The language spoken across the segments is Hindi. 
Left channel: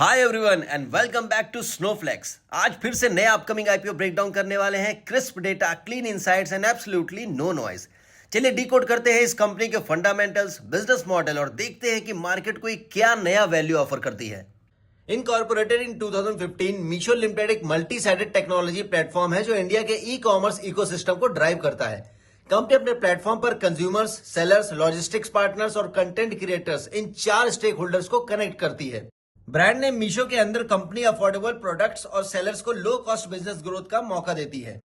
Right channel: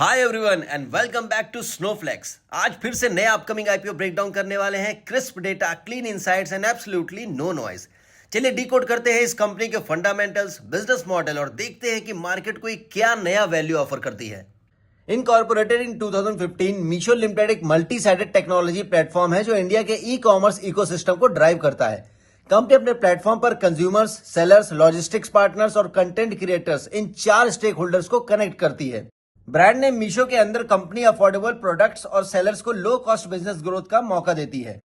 Hi everyone and welcome back to Snowflakes. आज फिर से नया अपकमिंग आईपीओ ब्रेकडाउन करने वाले हैं। Crisp data, clean insights and absolutely no noise. चलिए डिकोड करते हैं इस कंपनी के फंडामेंटल्स, बिजनेस मॉडल और देखते हैं कि मार्केट को क्या नया वैल्यू ऑफर करती है। इनकॉर्पोरेटेड इन 2015, मीशो लिमिटेड एक मल्टी साइडेड टेक्नोलॉजी प्लेटफॉर्म है जो इंडिया के ई कॉमर्स इकोसिस्टम को ड्राइव करता है। कंपनी अपने प्लेटफॉर्म पर कंज्यूमर्स, सेलर्स, लॉजिस्टिक्स पार्टनर्स और कंटेंट क्रिएटर्स इन 4 स्टेक होल्डर्स को कनेक्ट करती है। ब्रांड नेम मीशो के अंदर कंपनी अफोर्डेबल प्रोडक्ट्स और सेलर्स को लो कॉस्ट बिजनेस ग्रोथ का मौका देती है।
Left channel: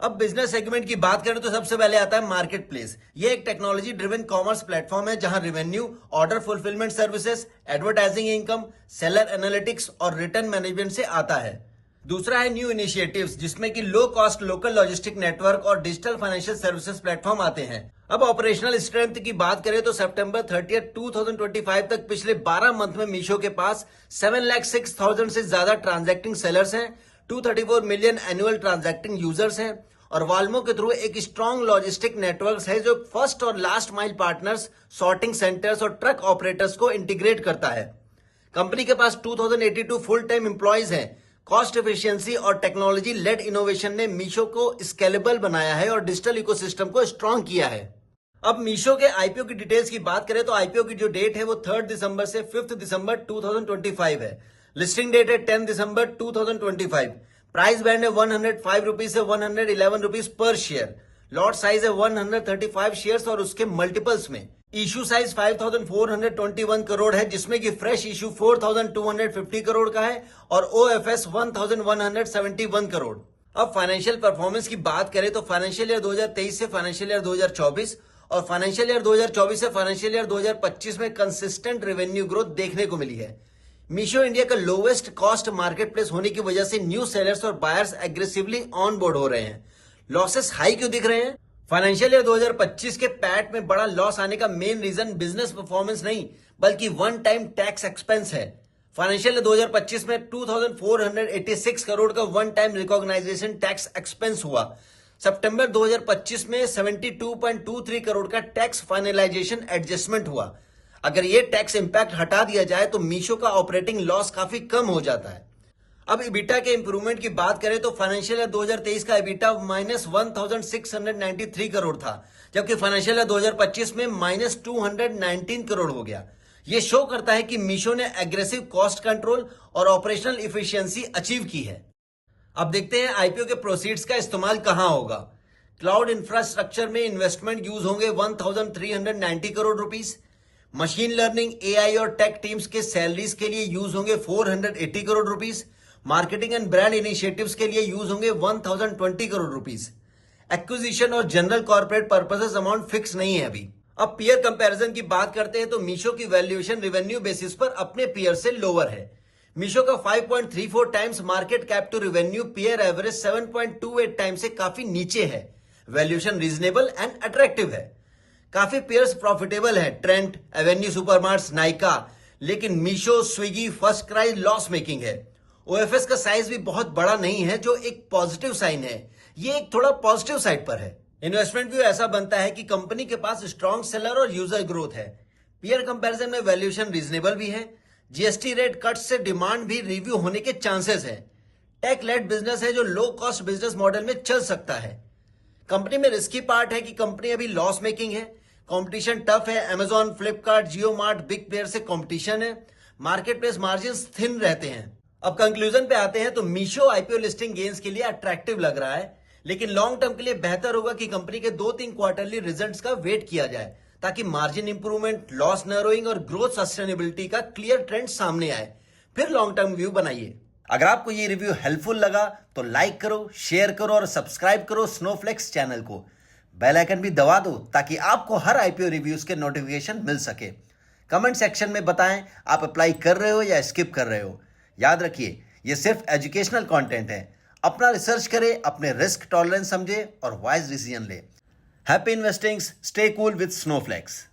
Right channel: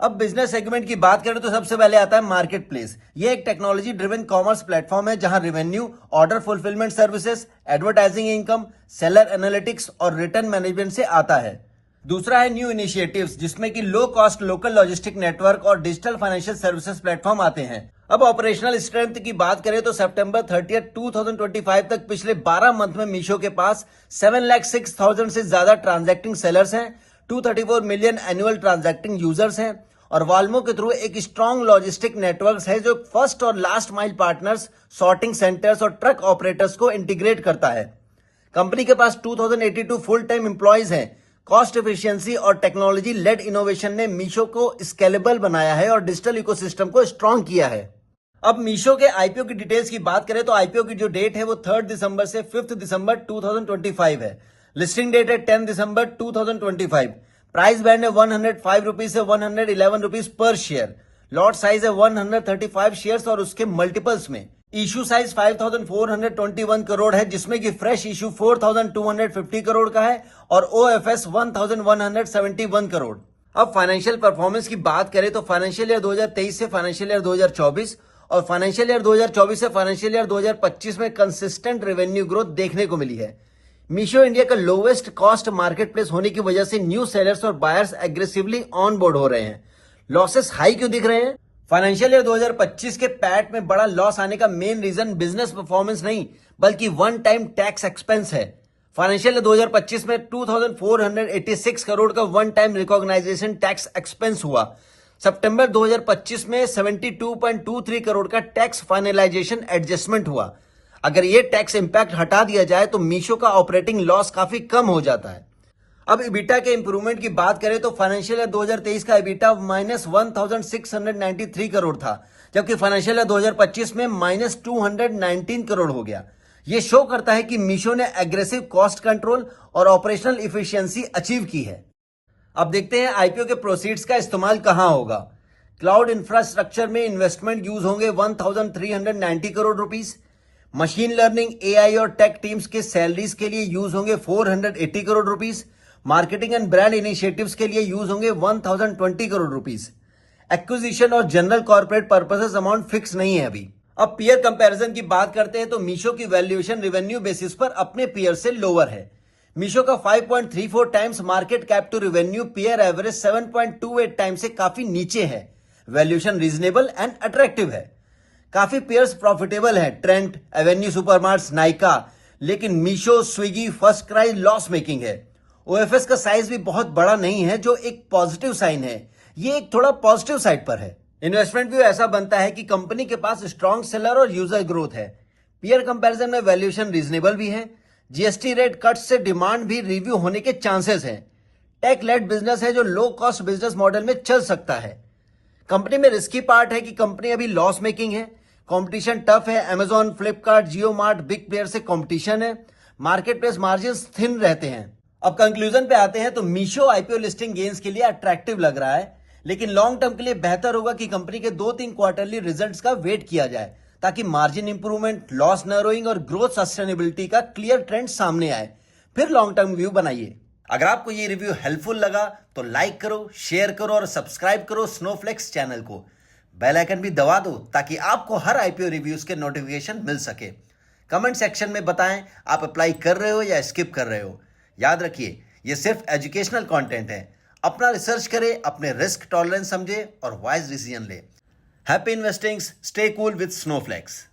अब बिजनेस सेगमेंट की बात करें तो सबसे पहले आता है मार्केट प्लेस। ये एक टेक्नोलॉजी ड्रिवन कॉमर्स प्लेटफॉर्म है जहां revenue, order fulfilment services, advertising income, seller analytics और रिटर्न मैनेजमेंट से आता है। दूसरा है न्यू इनिशिएटिव्स, जिसमें कि low cost local logistic network और डिजिटल फाइनेंशियल सर्विसेज प्लेटफॉर्म आते हैं। अब ऑपरेशनल स्ट्रेंथ की बात करें तो सितंबर 30, 2025 तक पिछले 12 मंथ में मीशो के पास 7,06,000 से ज्यादा ट्रांजैक्टिंग सेलर्स हैं, 234 मिलियन एनुअल ट्रांजैक्टिंग यूजर्स हैं और वाल्मो के थ्रू एक स्ट्रॉन्ग लॉजिस्टिक नेटवर्क है जो फर्स्ट और last mile partners, sorting centres और ट्रक ऑपरेटर्स को इंटीग्रेट करता है। कंपनी के पास 2082 फुल टाइम एम्प्लॉयज हैं। कॉस्ट एफिशिएंसी और टेक्नोलॉजी लेड इनोवेशन ने मीशो को स्केलेबल बनाया है और डिजिटल इकोसिस्टम को स्ट्रॉन्ग किया है। अब मीशो के आईपीओ की डिटेल्स की बात करें तो आईपीओ की जो डेट है वो 3 दिसंबर से 5 दिसंबर 2025 है। लिस्टिंग डेट है 10 दिसंबर 2025। प्राइस बैंड है 105 रुपीज से 111 rupees per share. Lot size है 135 शेयर्स और उसके मल्टीपल्स में। इशू साइज 5,421 करोड़ है, जिसमें कि फ्रेश इशू 4,250 करोड़ का है और ओएफएस 1,171 करोड़। अब फाइनेंशियल परफॉर्मेंस की बात करें तो फाइनेंशियल ईयर 2023 से फाइनेंशियल ईयर 2024 और फाइनेंशियल ईयर 2024 से फाइनेंशियल ईयर 2025 में कंसिस्टेंट रेवेन्यू ग्रोथ देखने को मिली है। मीशो इंडिया का लोवेस्ट कॉस्ट मार्केट प्लेस होने की वजह से न्यू सेलर्स और बायर्स एग्रेसिवली ऑन बोर्ड हो रहे हैं। लॉसेस हाई क्यों दिख रहे हैं? फाइनेंशियल ईयर 2025 के पैट में बड़ा लॉस आने का मेन रीजन बिजनेस परफॉर्मेंस नहीं बल्कि वन टाइम टैक्स एक्सपेंस है। फाइनेंशियल ईयर 2025 में 2,486 करोड़ का one time recognisation tax expense हुआ। सितंबर 2025 में 72.23 करोड़ का टैक्स फाइनलाइजेशन एडजस्टमेंट हुआ। अगर ये टैक्स इंपैक्ट हटा दिया जाए तो मीशो का ऑपरेटिंग लॉस काफी कम हो जाता है। अब इबिटा के इंप्रूवमेंट की बात करें तो फाइनेंशियल ईयर 2023 का इबिटा -1,693 करोड़ था, जबकि फाइनेंशियल ईयर 2025 में -219 करोड़ हो गया। ये शो करता है कि मीशो ने एग्रेसिव कॉस्ट कंट्रोल और ऑपरेशनल इफिशियंसी अचीव की है। अब देखते हैं आईपीओ के प्रोसीड्स का इस्तेमाल कहां होगा। क्लाउड इंफ्रास्ट्रक्चर में इन्वेस्टमेंट यूज होंगे 1,390 crore rupees. Machine learning, AI और टेक टीम्स के सैलरीज के लिए यूज होंगे 480 crore rupees. Marketing and brand initiatives के लिए यूज होंगे 1,020 करोड़ रुपीस। एक्विजिशन और general corporate purposes amount fix नहीं है अभी। अब पीयर कंपैरिजन की बात करते हैं तो मीशो की वैल्यूएशन रेवेन्यू बेसिस पर अपने पीयर से लोअर है। मीशो का 5.34 times market cap to revenue, peer average 7.28 times से काफी नीचे है। वैल्यूएशन रीजनेबल एंड अट्रैक्टिव है। काफी पीयर्स प्रॉफिटेबल है, ट्रेंट, एवेन्यू सुपरमार्ट्स, नाइका, लेकिन Meesho, Swiggy, first cry loss making है। ओएफएस का साइज भी बहुत बड़ा नहीं है, जो एक पॉजिटिव साइन है। ये एक थोड़ा पॉजिटिव साइड पर है। इन्वेस्टमेंट व्यू ऐसा बनता है कि कंपनी के पास स्ट्रॉन्ग सेलर और यूजर ग्रोथ है। पीयर कंपैरिजन में वैल्यूएशन रीजनेबल भी है। जीएसटी रेट कट से डिमांड भी रिव्यू होने के चांसेस है। टेक लेड बिजनेस है जो लो कॉस्ट बिजनेस मॉडल में चल सकता है। कंपनी में रिस्की पार्ट है कि कंपनी अभी लॉस मेकिंग है। कंपटीशन टफ है। अमेजॉन, फ्लिपकार्ट, जियो मार्ट, बिग प्लेयर से कंपटीशन है। मार्केट प्लेस मार्जिन थिन रहते हैं। अब कंक्लूजन पे आते हैं तो मीशो आईपीओ लिस्टिंग गेन्स के लिए अट्रैक्टिव लग रहा है, लेकिन लॉन्ग टर्म के लिए बेहतर होगा कि कंपनी के 2-3 क्वार्टरली रिजल्ट्स का वेट किया जाए ताकि मार्जिन इंप्रूवमेंट, लॉस नैरोइंग और ग्रोथ सस्टेनेबिलिटी का क्लियर ट्रेंड सामने आए। फिर लॉन्ग टर्म व्यू बनाइए। अगर आपको ये रिव्यू हेल्पफुल लगा तो लाइक करो, शेयर करो और सब्सक्राइब करो स्नोफ्लेक्स चैनल को। बेल आइकन भी दबा दो ताकि आपको हर आईपीओ रिव्यूज के नोटिफिकेशन मिल सके। कमेंट सेक्शन में बताएं आप अप्लाई कर रहे हो या स्किप कर रहे हो। याद रखिए, ये सिर्फ एजुकेशनल कंटेंट है। अपना रिसर्च करें, अपने रिस्क टॉलरेंस समझे और वाइज डिसीजन ले। Happy investing, stay cool with snowflakes.